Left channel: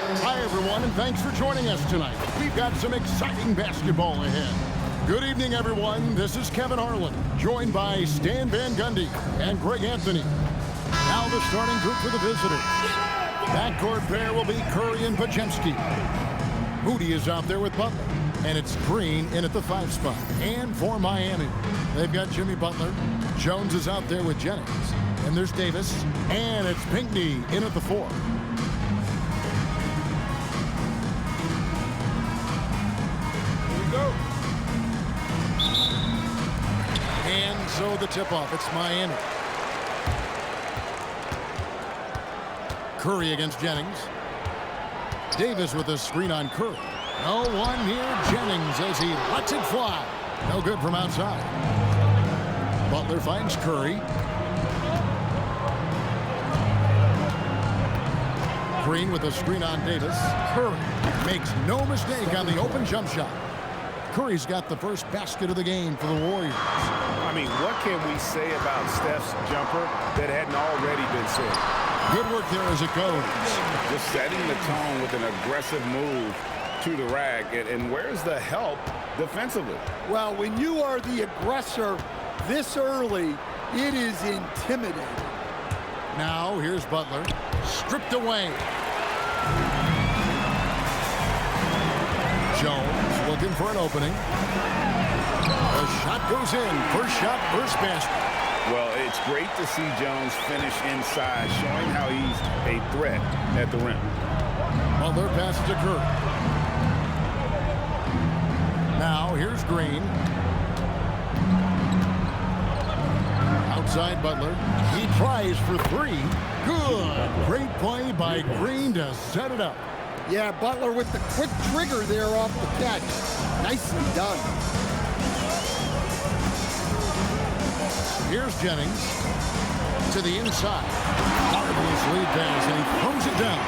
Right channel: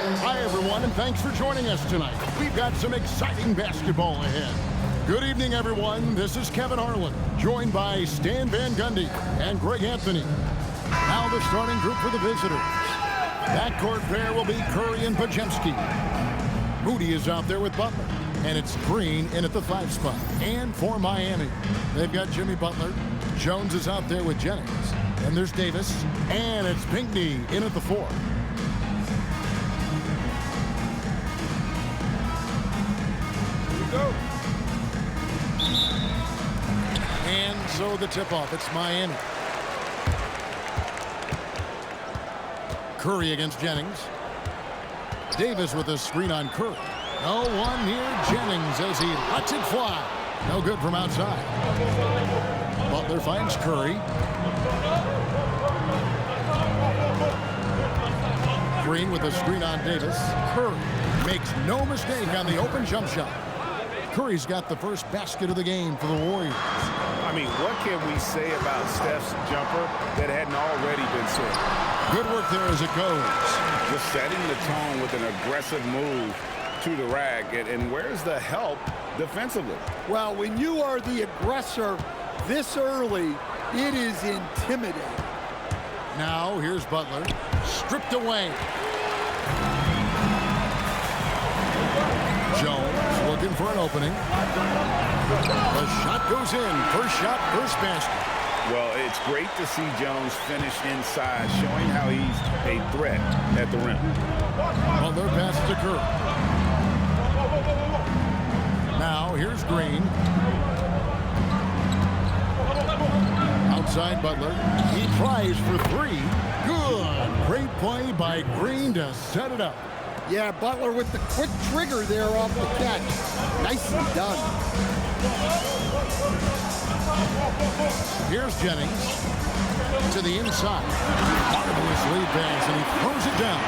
Hi, everyone, and thanks for joining us tonight. We've got some exciting basketball ahead. Good evening, everyone. This is Kevin Harlan, joined by Stan Van Gundy and Greg Anthony. Now the starting group for the visitors. Backcourt pair will be Curry and Podziemski. Moody is out there with Butler, and it's Green in at the 5 spot. And for Miami, they've got Jimmy Butler. Jones is out there with Jennings. And there's Davis, and it's Pinckney in at the 4. Go. And so the tip-off, it's Miami. Curry against Jennings. Davis with a screen on Curry. No one near Jennings as he lets it fly. No good from outside. Butler finds Curry. Green with a screen on Davis. Curry makes no mistake on the open jump shot. Curry's got the first basket of the game for the Warriors. I mean, what can we say about Steph's jumper that hadn't already been said? Good work there as it goes. Just setting the tone with an aggressive move to the rack. And where's the help defensively? Well, when you are the aggressor this early, it is intimidating. Now, here's Butler. Stripped away. Jones looking for an opening. The shot goes in. First shot, first basket. Well, it's great to see Jones finish inside, showing how he's a threat at the rim. Butler passes to Curry. Now, here's Green. Outside Butler. He tries for 3. Good. Great play by Green to set it up. Yeah, Butler with the quick trigger there off the catch. Nicely done. Here's Jennings to the inside. Marvelous lead pass, and he throws it down.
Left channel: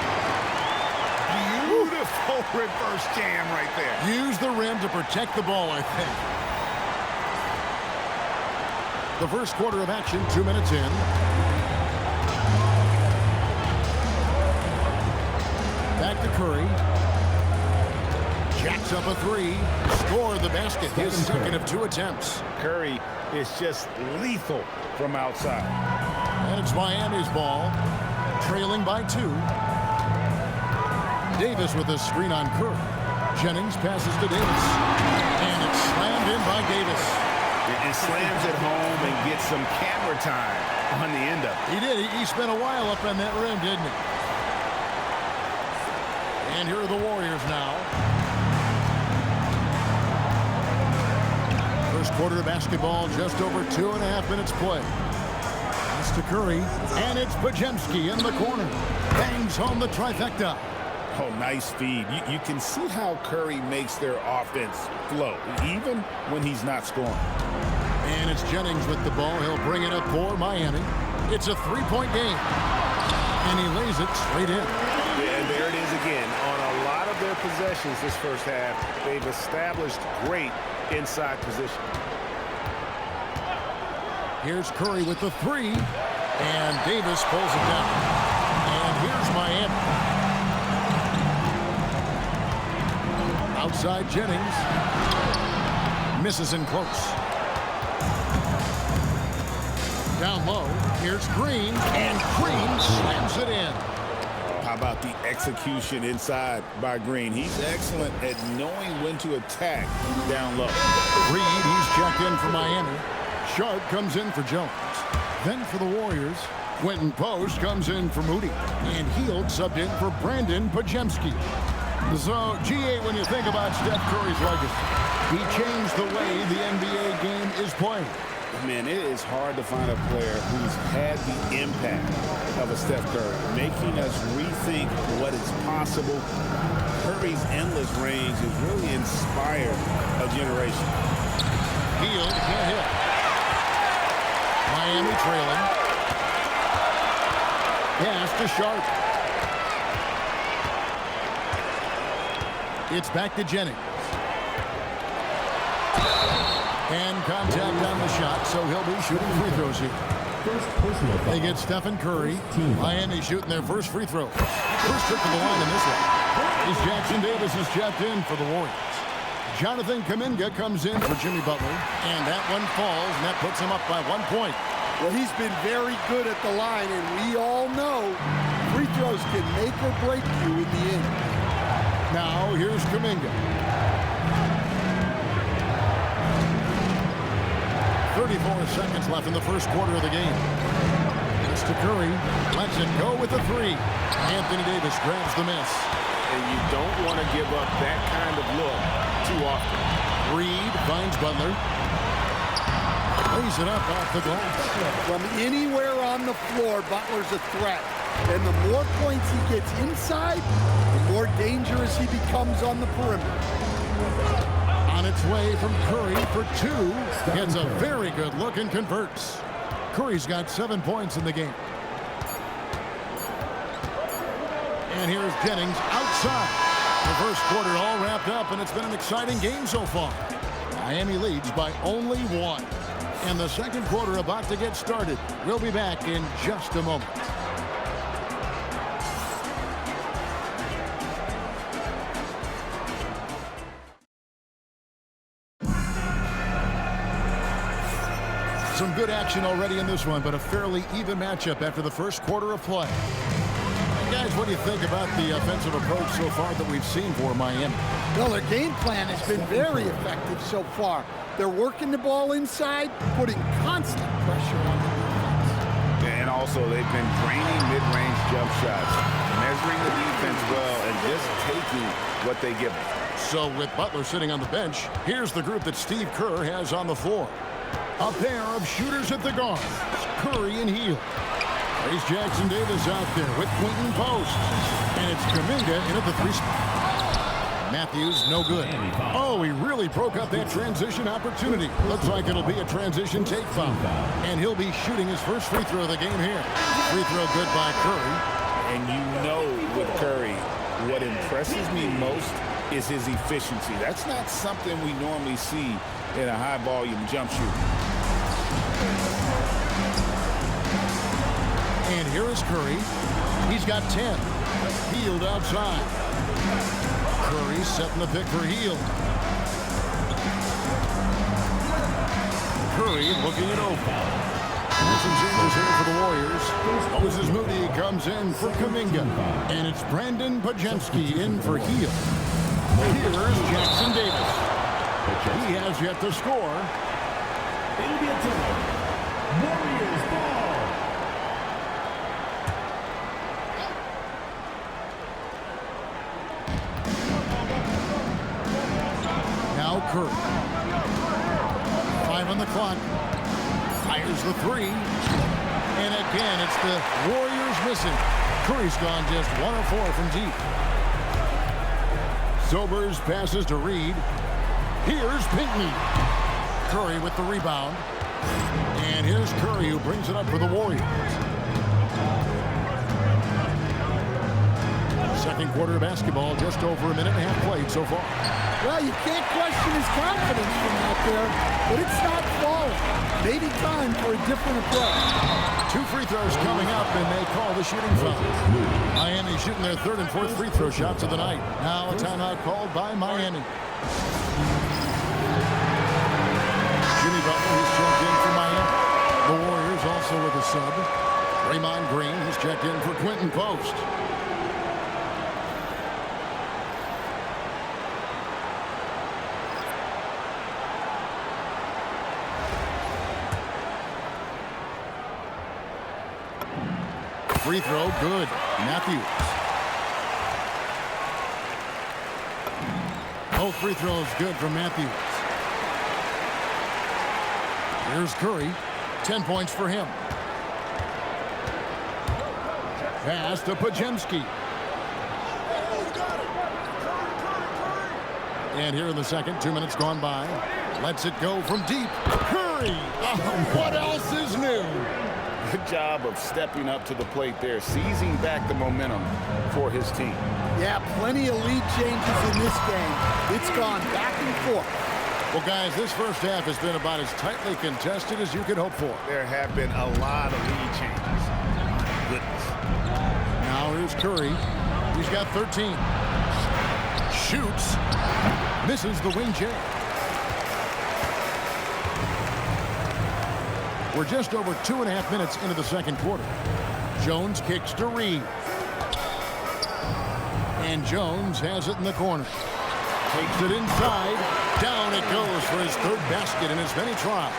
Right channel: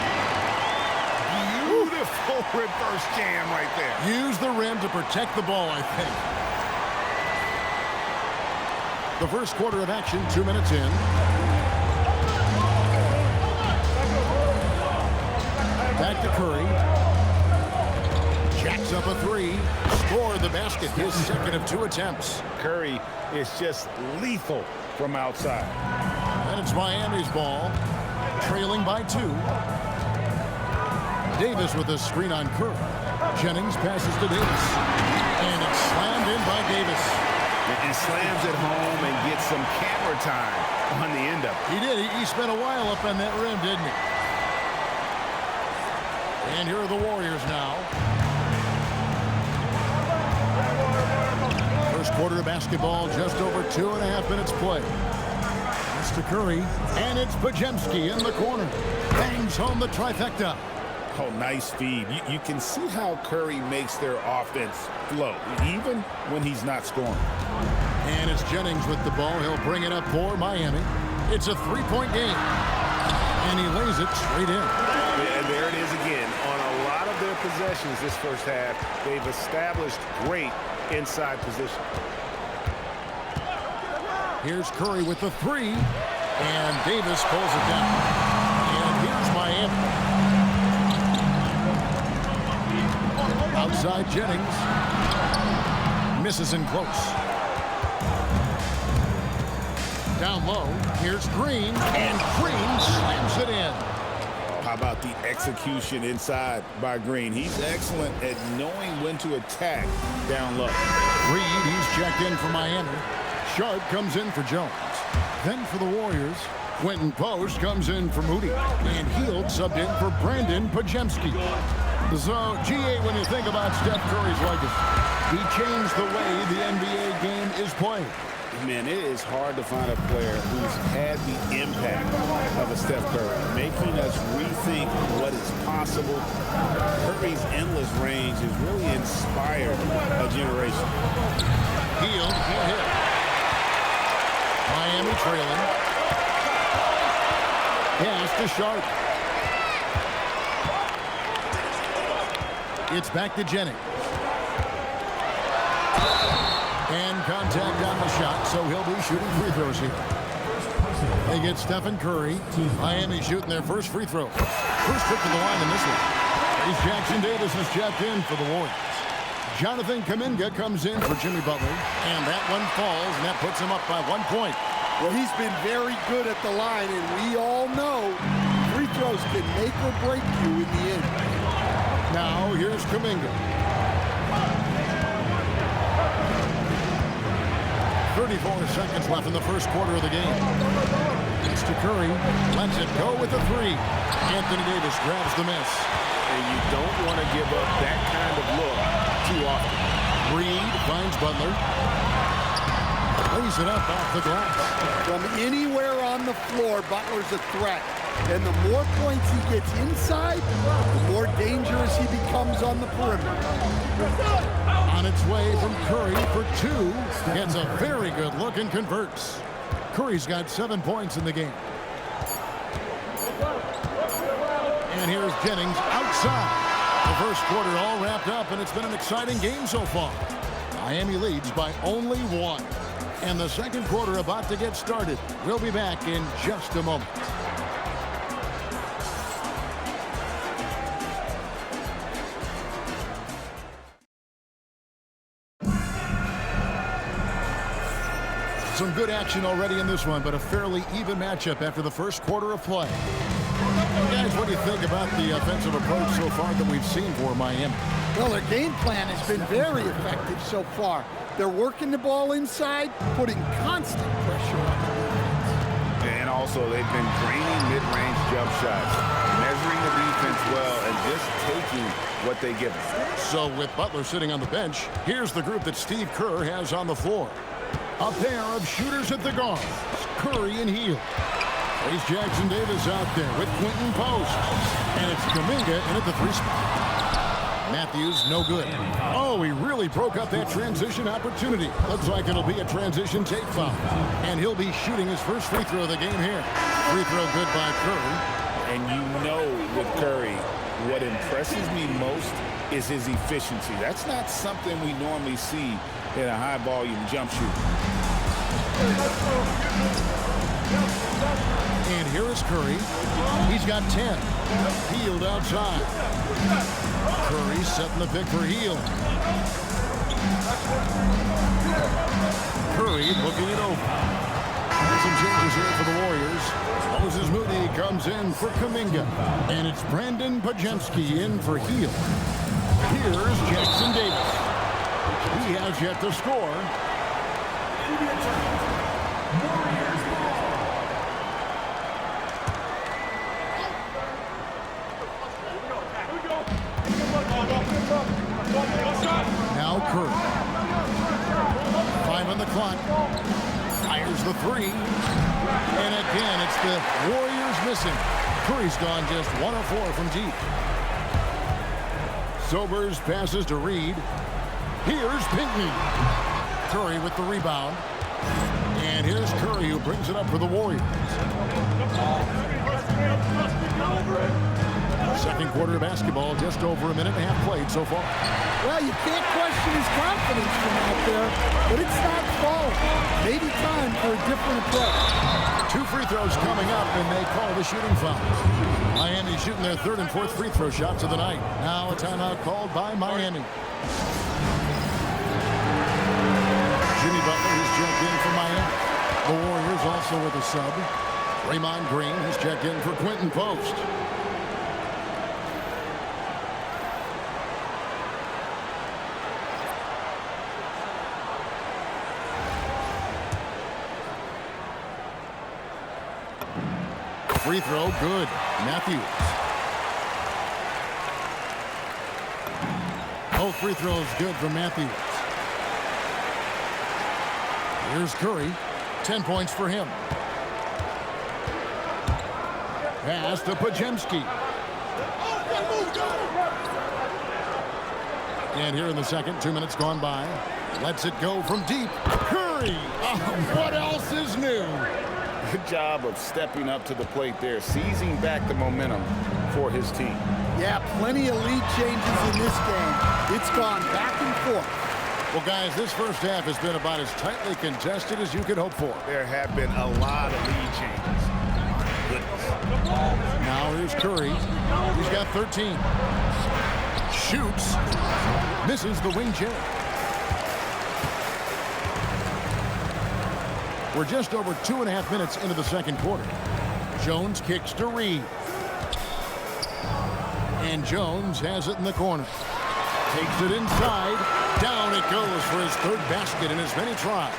Beautiful reverse jam right there. Use the rim to protect the ball, I think. The first quarter of action, 2 minutes in. Back to Curry. Jacks up a 3. Scored the basket. His second of 2 attempts. Curry is just lethal from outside. And it's Miami's ball. Trailing by 2. Davis with a screen on Curry. Jennings passes to Davis. And it's slammed in by Davis. And slams it home and gets some camera time on the end of it. He did. He spent a while up on that rim, didn't he? And here are the Warriors now. First quarter of basketball, just over 2.5 minutes play. Pass to Curry, and it's Podziemski in the corner. Bangs home the trifecta. Oh, nice feed. You can see how Curry makes their offense flow, even when he's not scoring. And it's Jennings with the ball. He'll bring it up for Miami. It's a 3-point game. And he lays it straight in. And there it is again. On a lot of their possessions this first half, they've established great inside position. Here's Curry with the 3. And Davis pulls it down. And here's Miami. Outside Jennings. Misses in close. Down low. Here's Green. And Green slams it in. How about the execution inside by Green? He's excellent at knowing when to attack down low. Reed, he's checked in for Miami. Sharp comes in for Jones. Then for the Warriors, Quentin Post comes in for Moody. And Hield subbed in for Brandon Podziemski. So, GA, when you think about Steph Curry's legacy, he changed the way the NBA game is played. Man, it is hard to find a player who's had the impact of a Steph Curry, making us rethink what is possible. Curry's endless range has really inspired a generation. Hield can't hit. Miami trailing. Pass to Sharp. It's back to Jennings. And contact on the shot, so he'll be shooting free throws here. They get Stephen Curry. Miami shooting their first free throw. First trip to the line in this one. Trace Jackson Davis is checked in for the Warriors. Jonathan Kuminga comes in for Jimmy Butler. And that one falls, and that puts him up by 1 point. Well, he's been very good at the line, and we all know free throws can make or break you in the end. Now, here's Kuminga. 34 seconds left in the first quarter of the game. That's to Curry. Lets it go with a three. Anthony Davis grabs the miss. And you don't want to give up that kind of look too often. Reed finds Butler. Lays it up off the glass. From anywhere on the floor, Butler's a threat. And the more points he gets inside, the more dangerous he becomes on the perimeter. On its way from Curry for two. Gets a very good look and converts. Curry's got 7 points in the game. And here's Jennings outside. The first quarter all wrapped up, and it's been an exciting game so far. Miami leads by only 1. And the second quarter about to get started. We'll be back in just a moment. Some good action already in this one, but a fairly even matchup after the first quarter of play. And guys, what do you think about the offensive approach so far that we've seen for Miami? Well, their game plan has been very effective so far. They're working the ball inside, putting constant pressure on the defense. And also, they've been draining mid-range jump shots, measuring the defense well, and just taking what they give them. So with Butler sitting on the bench, here's the group that Steve Kerr has on the floor. A pair of shooters at the guards, Curry and Hield. Trace Jackson Davis out there with Quentin Post. And it's Kuminga in at the 3 spot. Matthews, no good. Oh, he really broke up that transition opportunity. Looks like it'll be a transition take foul. And he'll be shooting his first free throw of the game here. Free throw good by Curry. And you know with Curry, what impresses me most is his efficiency. That's not something we normally see in a high-volume jump shoot. And here is Curry. He's got 10. Hield outside. Curry setting the pick for Hield. Curry looking it over. And some changes here for the Warriors. Moses Moody comes in for Kuminga. And it's Brandon Pajemski in for Hield. Here's Jackson Davis. He has yet to score. It'll be a turnover. Warriors ball. Now Curry. 5 on the clock. Fires the 3. And again, it's the Warriors missing. Curry's gone just 1 of 4 from deep. Sobers passes to Reed. Here's Pinckney. Curry with the rebound. And here's Curry who brings it up for the Warriors. Second quarter of basketball, just over a minute and a half played so far. Well, you can't question his confidence from out there, but it's not falling. Maybe time for a different approach. 2 free throws coming up, and they call the shooting foul. Miami shooting their 3rd and 4th free throw shots of the night. Now a timeout called by Miami. Jimmy Butler, he's checked in for Miami. The Warriors also with a sub. Draymond Green, he's checked in for Quentin Post. Free throw, good. Matthews. Both free throws good from Matthews. Here's Curry. 10 points for him. Pass to Pajemski. And here in the second, 2 minutes gone by. Lets it go from deep. Curry! Oh, what else is new? Good job of stepping up to the plate there, seizing back the momentum for his team. Yeah, plenty of lead changes in this game. It's gone back and forth. Well, guys, this first half has been about as tightly contested as you could hope for. There have been a lot of lead changes. My goodness. Now here's Curry. He's got 13. Shoots. Misses the wing J. We're just over 2.5 minutes into the second quarter. Jones kicks to Reed. And Jones has it in the corner. Takes it inside. Down it goes for his third basket in as many tries.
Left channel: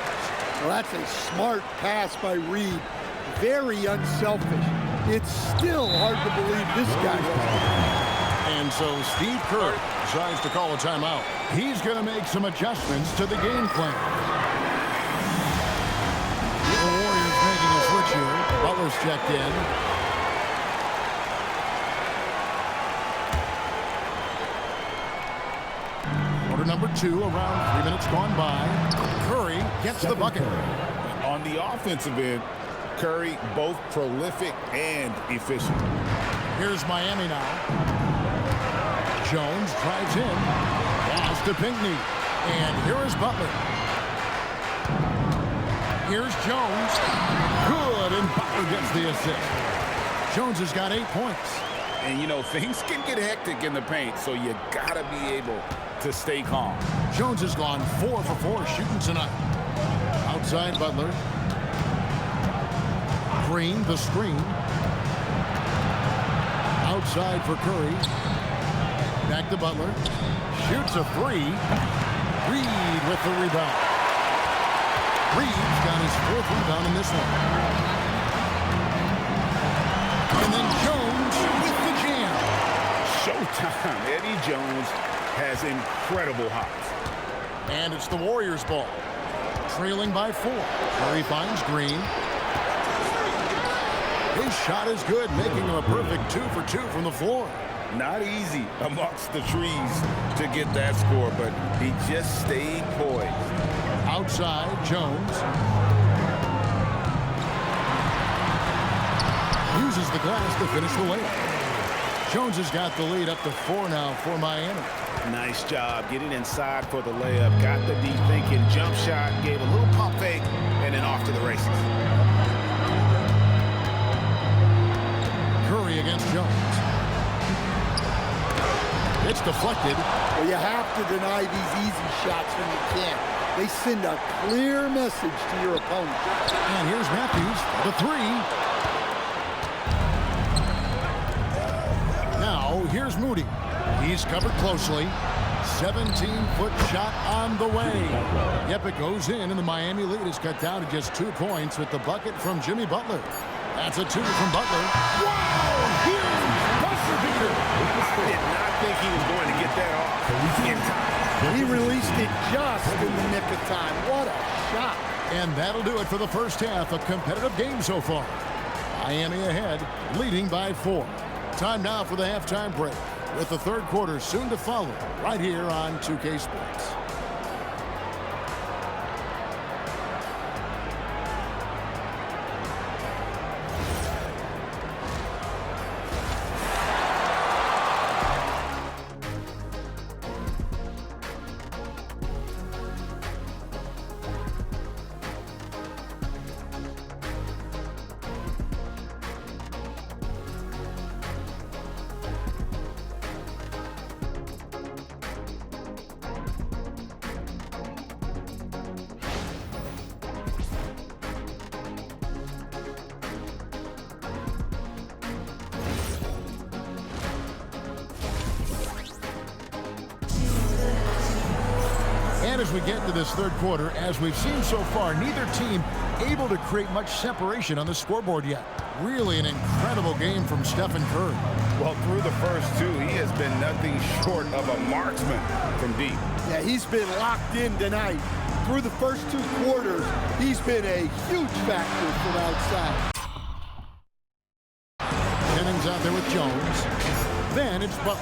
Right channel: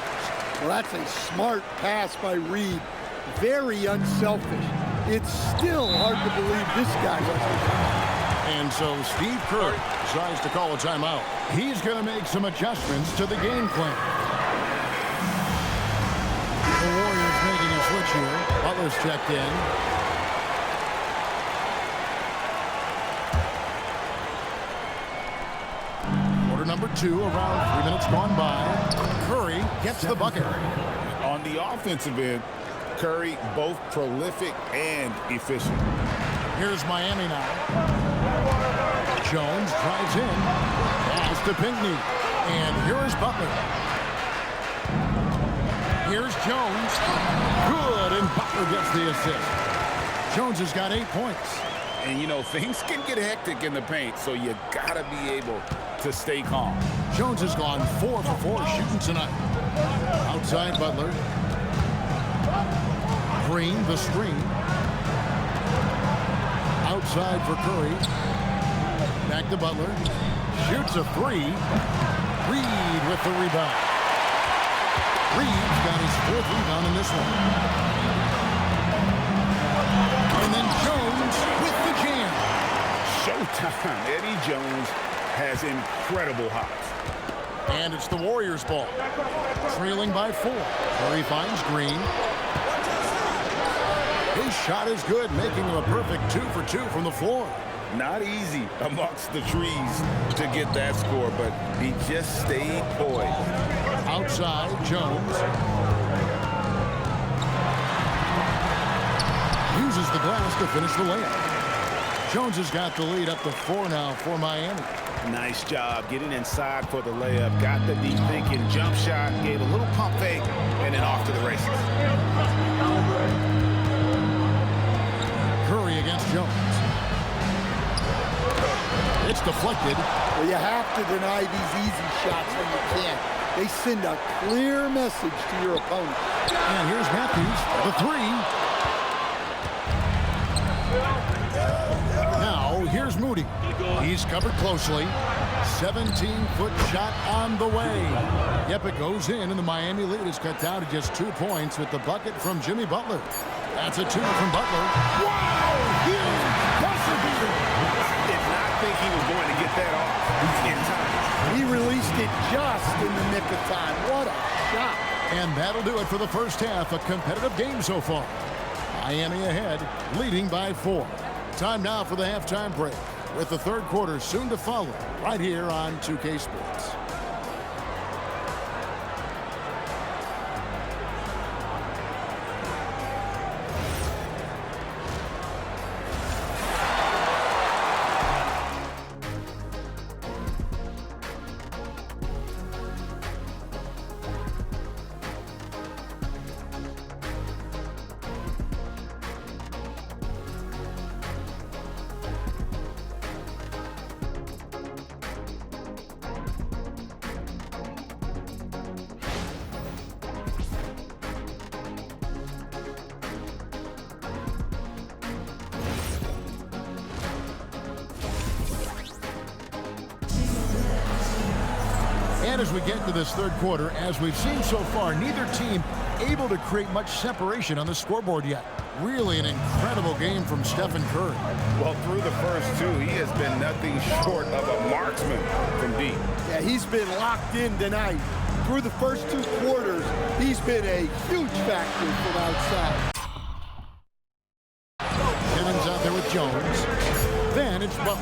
Well, that's a smart pass by Reed. Very unselfish. It's still hard to believe this guy wasn't. And so Steve Kerr decides to call a timeout. He's going to make some adjustments to the game plan. The Warriors making a switch here. Butler's checked in. Quarter number 2, around 3 minutes gone by. Curry gets the bucket. On the offensive end, Curry both prolific and efficient. Here's Miami now. Jones drives in. Pass to Pinckney. And here is Butler. Here's Jones. Good, and Butler gets the assist. Jones has got 8 points. And, you know, things can get hectic in the paint, so you got to be able to stay calm. Jones has gone 4 for 4 shooting tonight. Outside Butler. Green, the screen. Outside for Curry. Back to Butler. Shoots a 3. Reed with the rebound. Reed's got his 4th rebound in this one. And then Jones with the jam. Showtime. Eddie Jones has incredible hops. And it's the Warriors' ball. Trailing by 4. Curry finds Green. His shot is good, making him a perfect 2 for 2 from the floor. Not easy amongst the trees to get that score, but he just stayed poised. Outside, Jones. Uses the glass to finish the layup. Jones has got the lead up to 4 now for Miami. Nice job getting inside for the layup. Got the deep thinking jump shot, gave a little pump fake, and then off to the races. Curry against Jones. It's deflected. Well, you have to deny these easy shots when you can. They send a clear message to your opponent. And here's Matthews for the 3. Now, here's Moody. He's covered closely. 17-foot shot on the way. Yep, it goes in, and the Miami lead is cut down to just 2 points with the bucket from Jimmy Butler. That's a 2 from Butler. Wow, huge buzzer beater. I did not think he was going to get that off in time. He released it just in the nick of time. What a shot. And that'll do it for the first half. A competitive game so far. Miami ahead, leading by 4. Time now for the halftime break, with the third quarter soon to follow, right here on 2K Sports. And as we get into this third quarter, as we've seen so far, neither team able to create much separation on the scoreboard yet. Really an incredible game from Stephen Curry. Well, through the first 2, he has been nothing short of a marksman from deep. Yeah, he's been locked in tonight. Through the first 2 quarters, he's been a huge factor from outside. Jennings out there with Jones. Then it's Butler.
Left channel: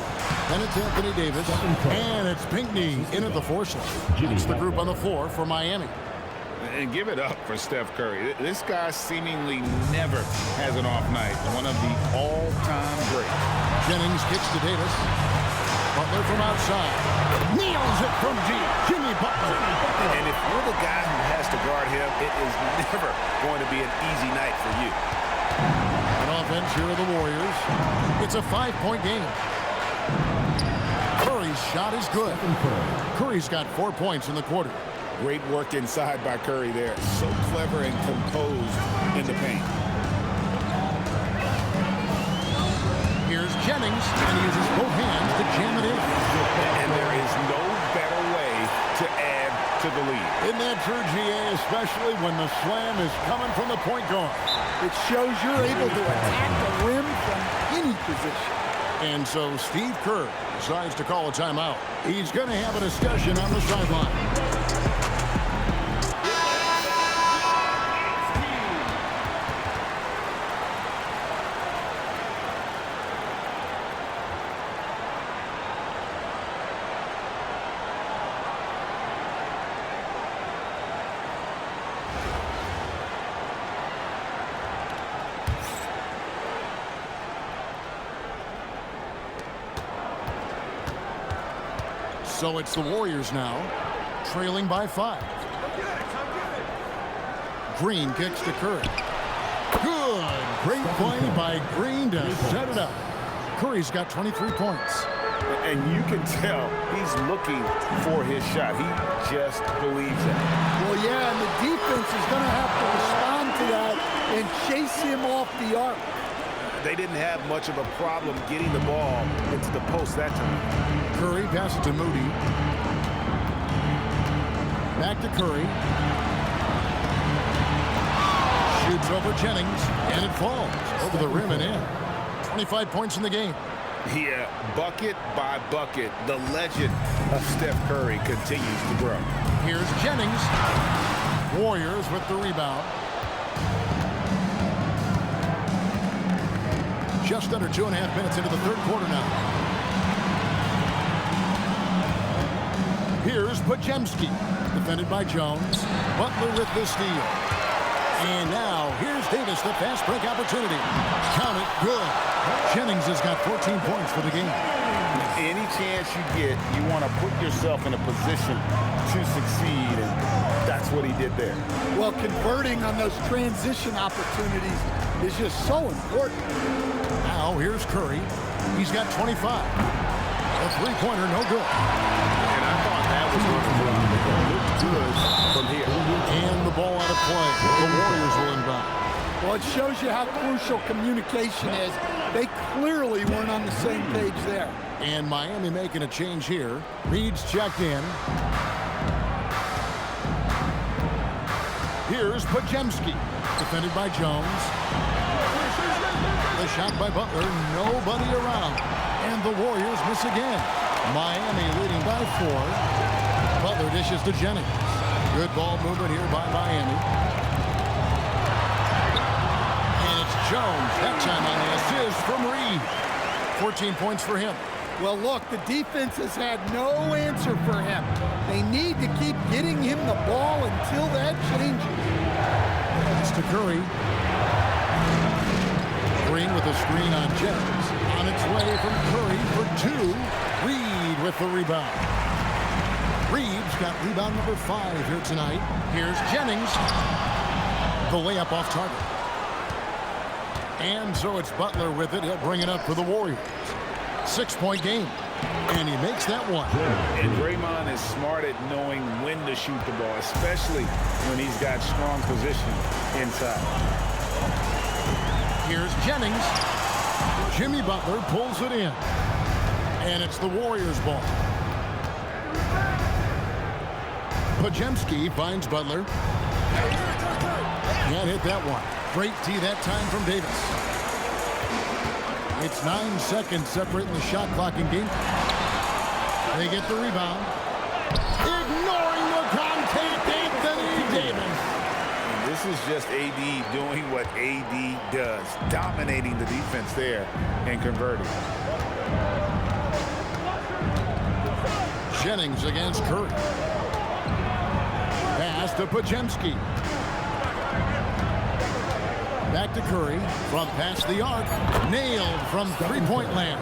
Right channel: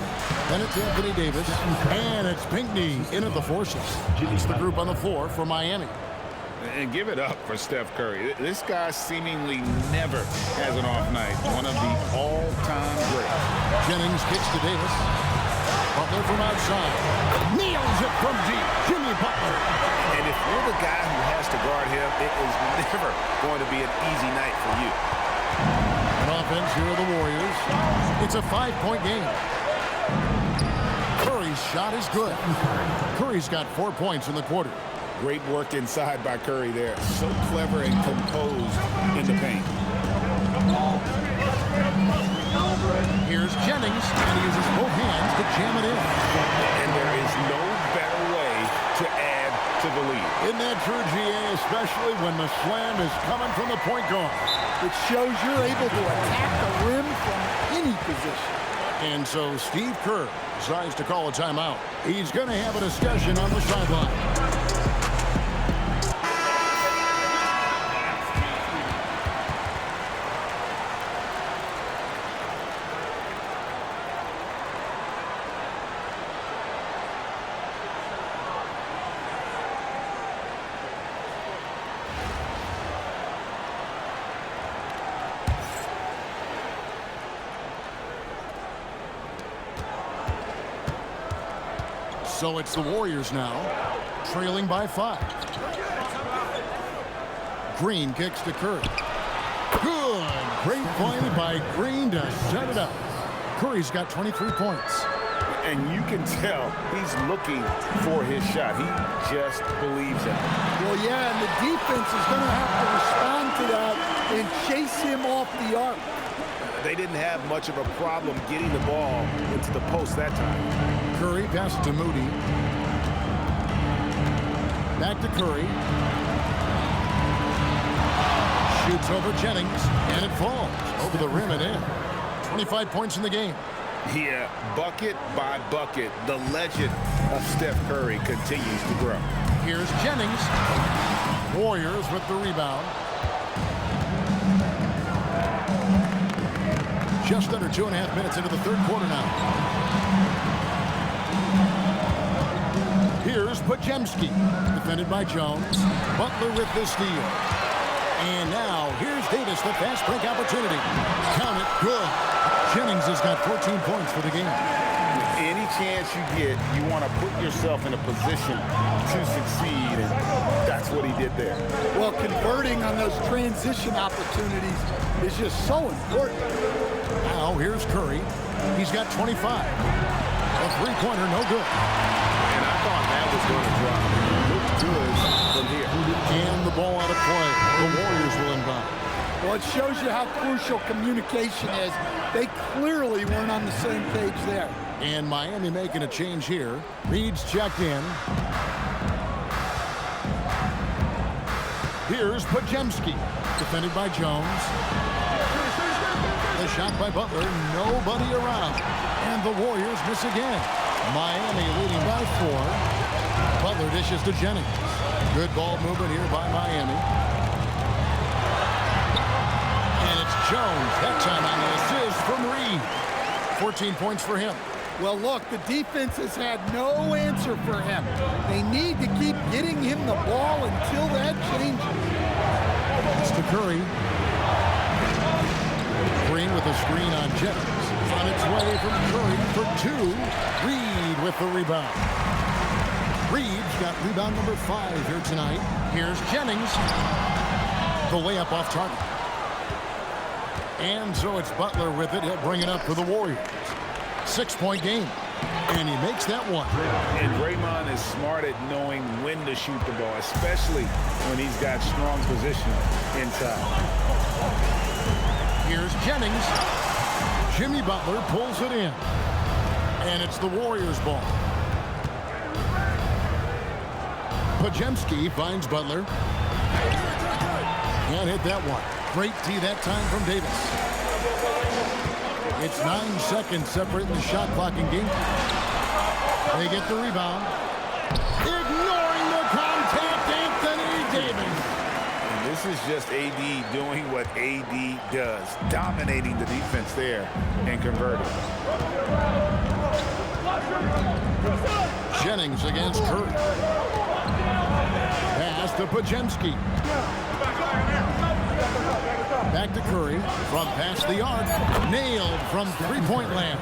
Then it's Anthony Davis. And it's Pinckney in at the 4 slot. That's the group on the floor for Miami. And give it up for Steph Curry. This guy seemingly never has an off night. One of the all-time greats. Jennings kicks to Davis. Butler from outside. Nails it from deep. Jimmy Butler. And if you're the guy who has to guard him, it is never going to be an easy night for you. An offense here are the Warriors. It's a 5-point game. Curry's shot is good. Curry's got 4 points in the quarter. Great work inside by Curry there. So clever and composed in the paint. Here's Jennings, and he uses both hands to jam it in. And there is no better way to add to the lead. Isn't that true, GA, especially when the slam is coming from the point guard? It shows you're able to attack the rim from any position. And so Steve Kerr decides to call a timeout. He's going to have a discussion on the sideline. So it's the Warriors now, trailing by 5. Green kicks to Curry. Good. Great play by Green to set it up. Curry's got 23 points. And you can tell he's looking for his shot. He just believes in it. Well, yeah, and the defense is going to have to respond to that and chase him off the arc. They didn't have much of a problem getting the ball into the post that time. Curry passes to Moody. Back to Curry. Shoots over Jennings, and it falls over the rim and in. 25 points in the game. Yeah, bucket by bucket, the legend of Steph Curry continues to grow. Here's Jennings. Warriors with the rebound. Just under 2.5 minutes into the third quarter now. Here's Podziemski, defended by Jones. Butler with the steal. And now here's Davis, the fast break opportunity. Count it, good. Jennings has got 14 points for the game. Any chance you get, you want to put yourself in a position to succeed, and that's what he did there. Well, converting on those transition opportunities is just so important. Now here's Curry. He's got 25. A three-pointer, no good. And I thought that was going to drop. It looked good from here. And the ball out of play. The Warriors will inbound. Well, it shows you how crucial communication is. They clearly weren't on the same page there. And Miami making a change here. Reed's checked in. Here's Podziemski, defended by Jones. The shot by Butler, nobody around. And the Warriors miss again. Miami leading by 4. Butler dishes to Jennings. Good ball movement here by Miami. And it's Jones, that time on the assist from Reed. 14 points for him. Well, look, the defense has had no answer for him. They need to keep getting him the ball until that changes. It's to Curry. Green with a screen on Jennings. On its way from Curry for 2. Reed with the rebound. Reed's got rebound number 5 here tonight. Here's Jennings. The layup off target. And so it's Butler with it. He'll bring it up for the Warriors. 6-point game. And he makes that one. And Draymond is smart at knowing when to shoot the ball, especially when he's got strong position inside. Here's Jennings. Jimmy Butler pulls it in. And it's the Warriors' ball. Podziemski finds Butler. Can't hit that one. Great tee that time from Davis. It's 9 seconds separating the shot clock and game. They get the rebound. Ignoring the contact, Anthony Davis. And this is just AD doing what AD does, dominating the defense there and converting. Jennings against Curry. Pass to Podziemski. Back to Curry from past the arc. Nailed from three-point land.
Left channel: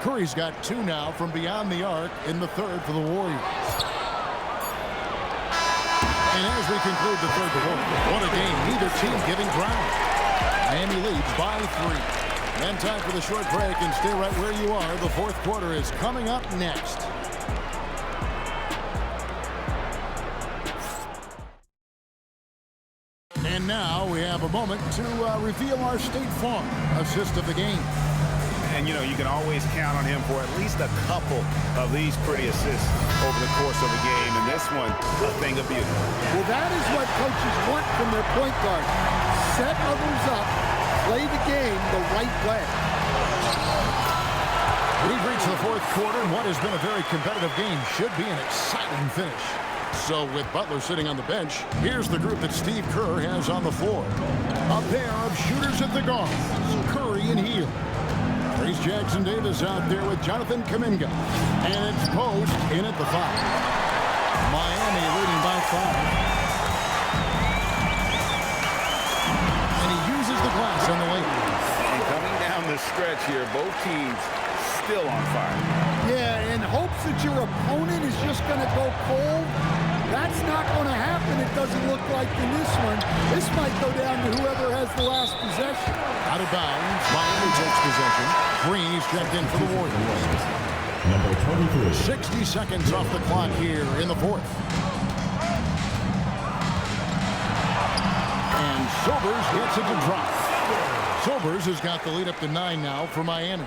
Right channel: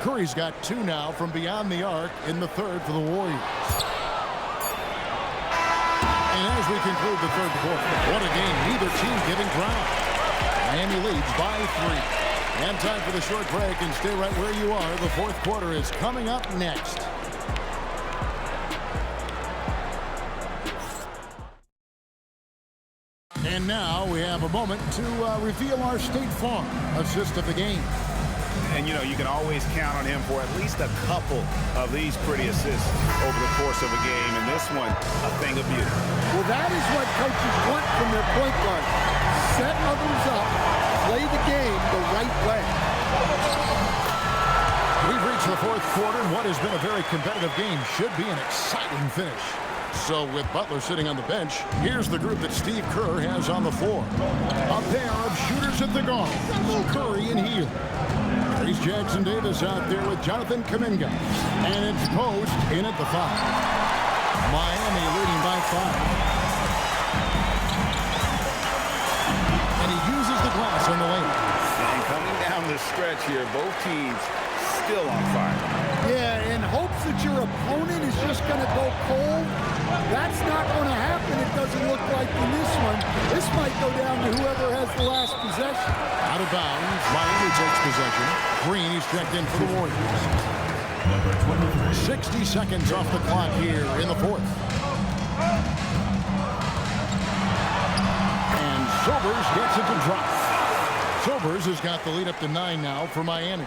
Curry's got 2 now from beyond the arc in the third for the Warriors. And as we conclude the third quarter, what a game. Neither team giving ground. Miami leads by 3. And time for the short break, and stay right where you are. The fourth quarter is coming up next. And now we have a moment to reveal our State Farm assist of the game. And, you know, you can always count on him for at least a couple of these pretty assists over the course of a game. And this one, a thing of beauty. Well, that is what coaches want from their point guard. Set others up, play the game the right way. We've reached the fourth quarter, and what has been a very competitive game should be an exciting finish. So with Butler sitting on the bench, here's the group that Steve Kerr has on the floor. A pair of shooters at the guard, Curry and Hield. Trace Jackson Davis out there with Jonathan Kuminga. And it's Post in at the 5. Miami leading by 5. And he uses the glass on the layup. And coming down the stretch here, both teams still on fire. Yeah, in hopes that your opponent is just going to go cold. That's not going to happen, it doesn't look like in this one. This might go down to whoever has the last possession. Out of bounds, Miami takes possession. Green, he's checked in for the Warriors. Number 23. 60 seconds off the clock here in the fourth. And Sobers gets it to drop. Sobers has got the lead up to 9 now for Miami.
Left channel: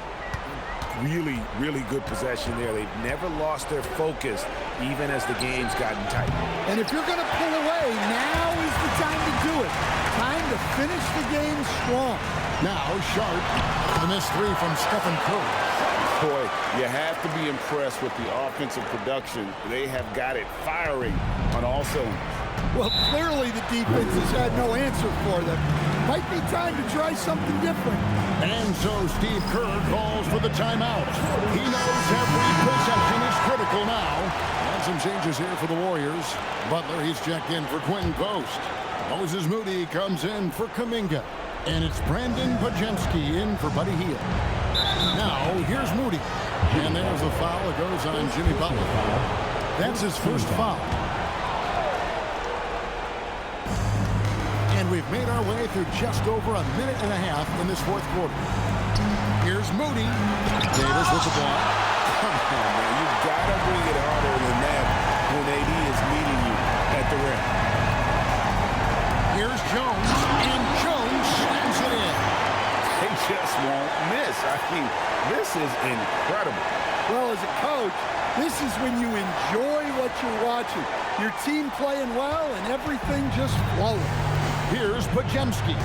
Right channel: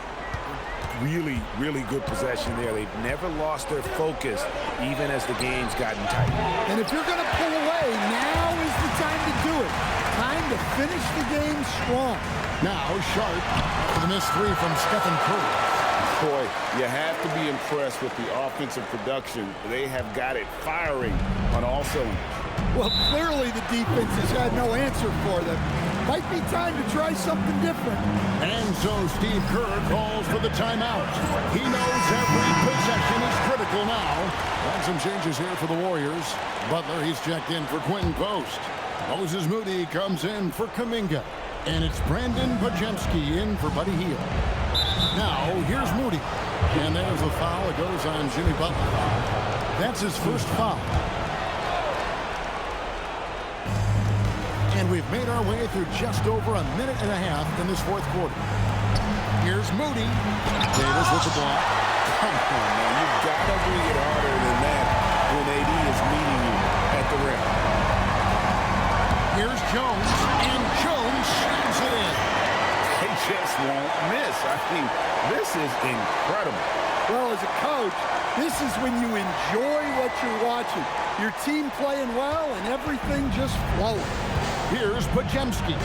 Really, really good possession there. They've never lost their focus, even as the game's gotten tight. And if you're going to pull away, now is the time to do it. Time to finish the game strong. Now Sharp after the missed 3 from Stephen Curry. Boy, you have to be impressed with the offensive production. They have got it firing on all cylinders. Well, clearly the defense has had no answer for them. Might be time to try something different. And so Steve Kerr calls for the timeout. He knows every possession is critical now. And some changes here for the Warriors. Butler, he's checked in for Quentin Post. Moses Moody comes in for Kuminga. And it's Brandon Pajemski in for Buddy Hield. Now, here's Moody. And there's the foul. It goes on Jimmy Butler. That's his first foul. And we've made our way through just over a minute and a half in this fourth quarter. Here's Moody. Davis with the block. Come on, man. You've got to bring it harder than that when AD is meeting you at the rim. Here's Jones. And Jones slams it in. They just won't miss. I mean, this is incredible. Well, as a coach, this is when you enjoy what you're watching. Your team playing well and everything just flowing. Here's Pajemski,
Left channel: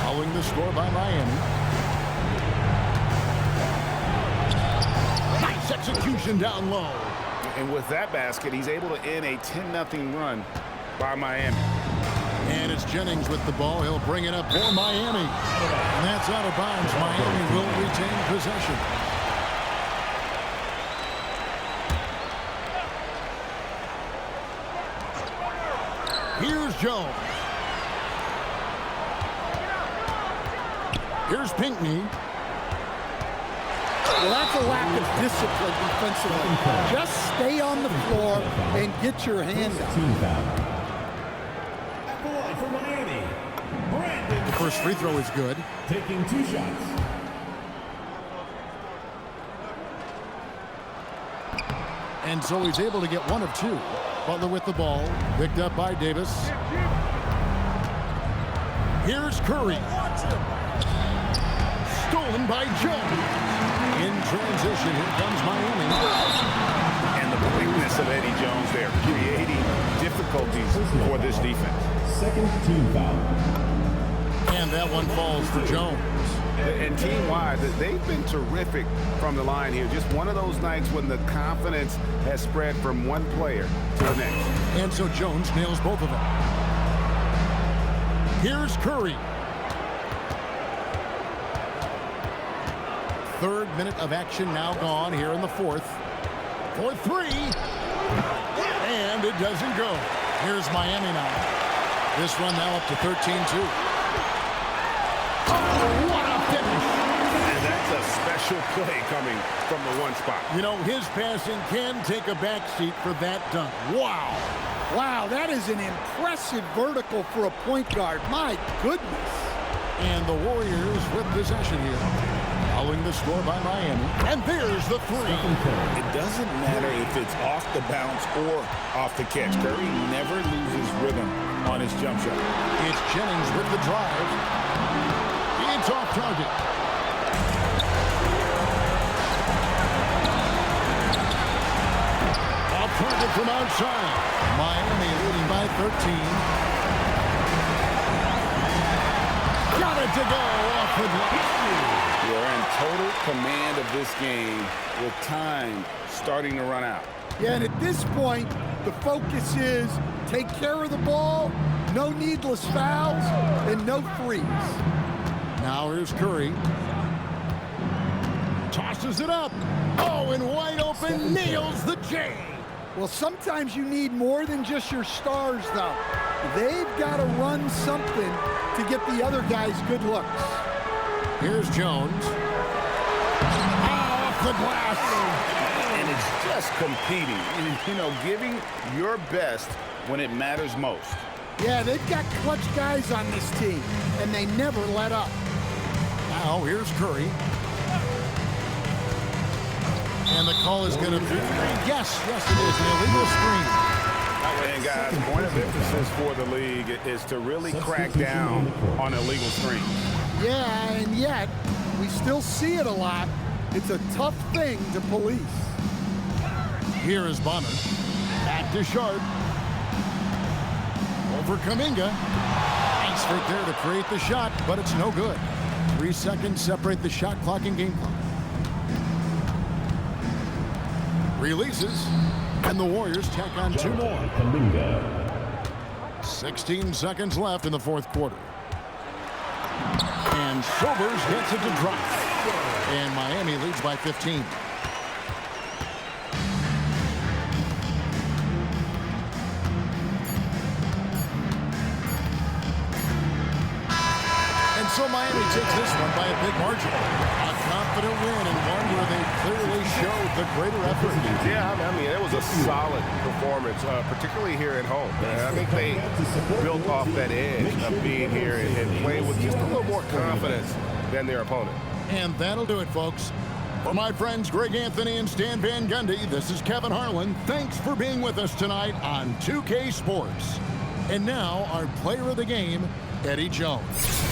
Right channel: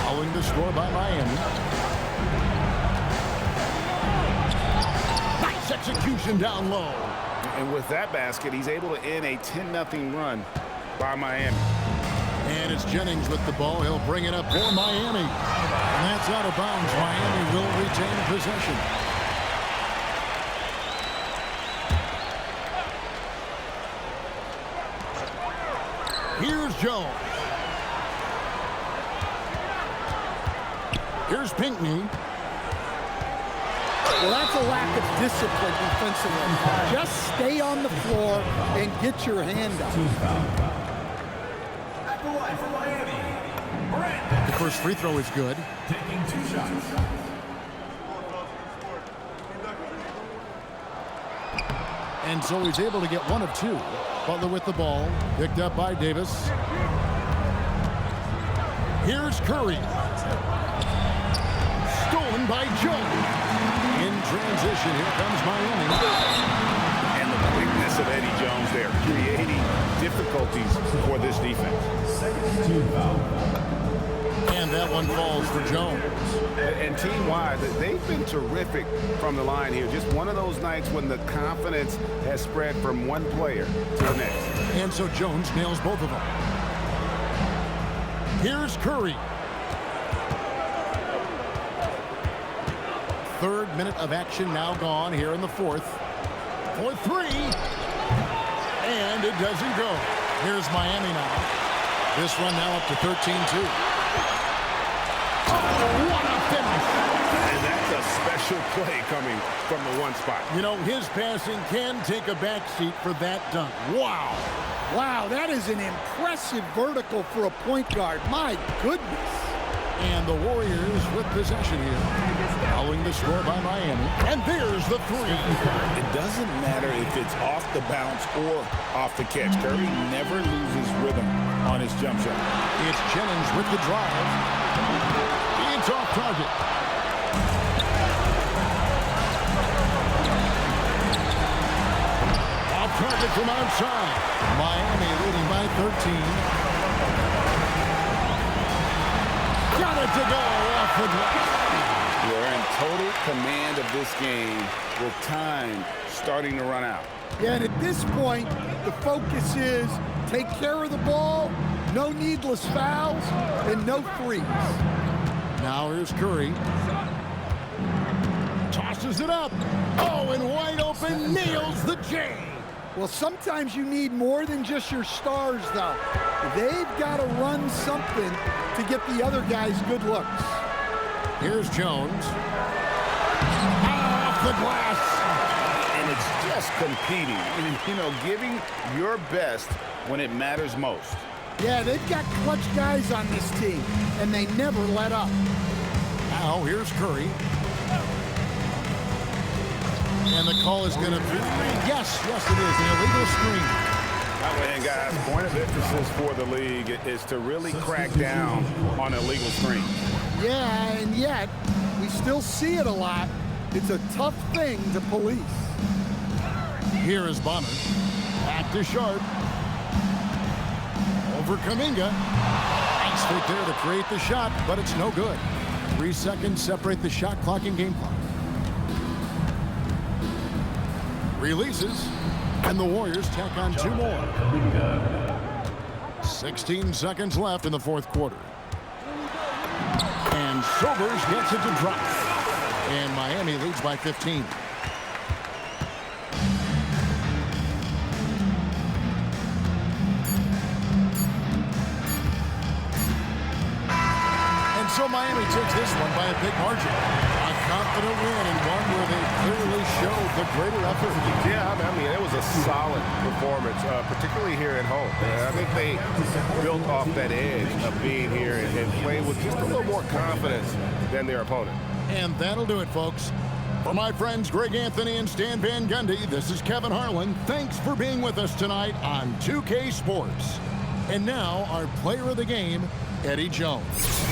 following the score by Miami. Nice execution down low. And with that basket, he's able to end a 10-0 run by Miami. And it's Jennings with the ball. He'll bring it up for Miami. And that's out of bounds. Miami will retain possession. Here's Jones. Here's Pinckney. Well, that's a lack of discipline defensively. Just stay on the floor and get your hand up. Team foul. At the line for Miami, Brandon. The first free throw is good. Taking 2 shots. And so he's able to get 1 of 2. Butler with the ball. Picked up by Davis. Here's Curry. Stolen by Jones. In transition, here comes Miami. And the quickness of Eddie Jones there, creating difficulties for this defense. Second team foul. And that one falls for Jones. And team-wide, they've been terrific from the line here. Just one of those nights when the confidence has spread from one player to the next. And so Jones nails both of them. Here's Curry. Third minute of action now gone here in the fourth. For 3. And it doesn't go. Here's Miami now. This run now up to 13-2. Oh, what a finish. And that's a special play coming from the one spot. You know, his passing can take a backseat for that dunk. Wow. Wow, that is an impressive vertical for a point guard. My goodness. And the Warriors with possession here. Following the score by Miami. And there's the three. It doesn't matter if it's off the bounce or off the catch. Curry never loses rhythm on his jump shot. It's Jennings with the drive. It's off target. Off target from outside. Miami leading by 13. Got it to go off the glass. They're in total command of this game with time starting to run out. Yeah, and at this point, the focus is take care of the ball, no needless fouls, and no threes. Now here's Curry. Tosses it up. Oh, and wide open, nails the J. Well, sometimes you need more than just your stars, though. They've got to run something to get the other guys good looks. Here's Jones. Off the glass. And it's just competing, you know, giving your best when it matters most. Yeah, they've got clutch guys on this team, and they never let up. Now here's Curry. And the call is going to be, yes, it is, an illegal screen. And guys, point of emphasis for the league is to really crack down on illegal screens. Yeah, and yet, we still see it a lot. It's a tough thing to police. Here is Bonner. Back to Sharp. Over Kuminga. Nice fake there to create the shot, but it's no good. 3 seconds separate the shot clock and game clock. Releases, and the Warriors tack on 2 more. 16 seconds left in the fourth quarter. And Sobers gets it to drop. And Miami leads by 15. And so Miami takes this one by a big margin. A confident win and one where they clearly showed the greater effort. Yeah, I mean, it was a solid performance, particularly here at home. I think they built off that edge of being here and playing with just a little more confidence than their opponent. And that'll do it, folks. For my friends Greg Anthony and Stan Van Gundy, this is Kevin Harlan. Thanks for being with us tonight on 2K Sports. And now our player of the game, Eddie Jones.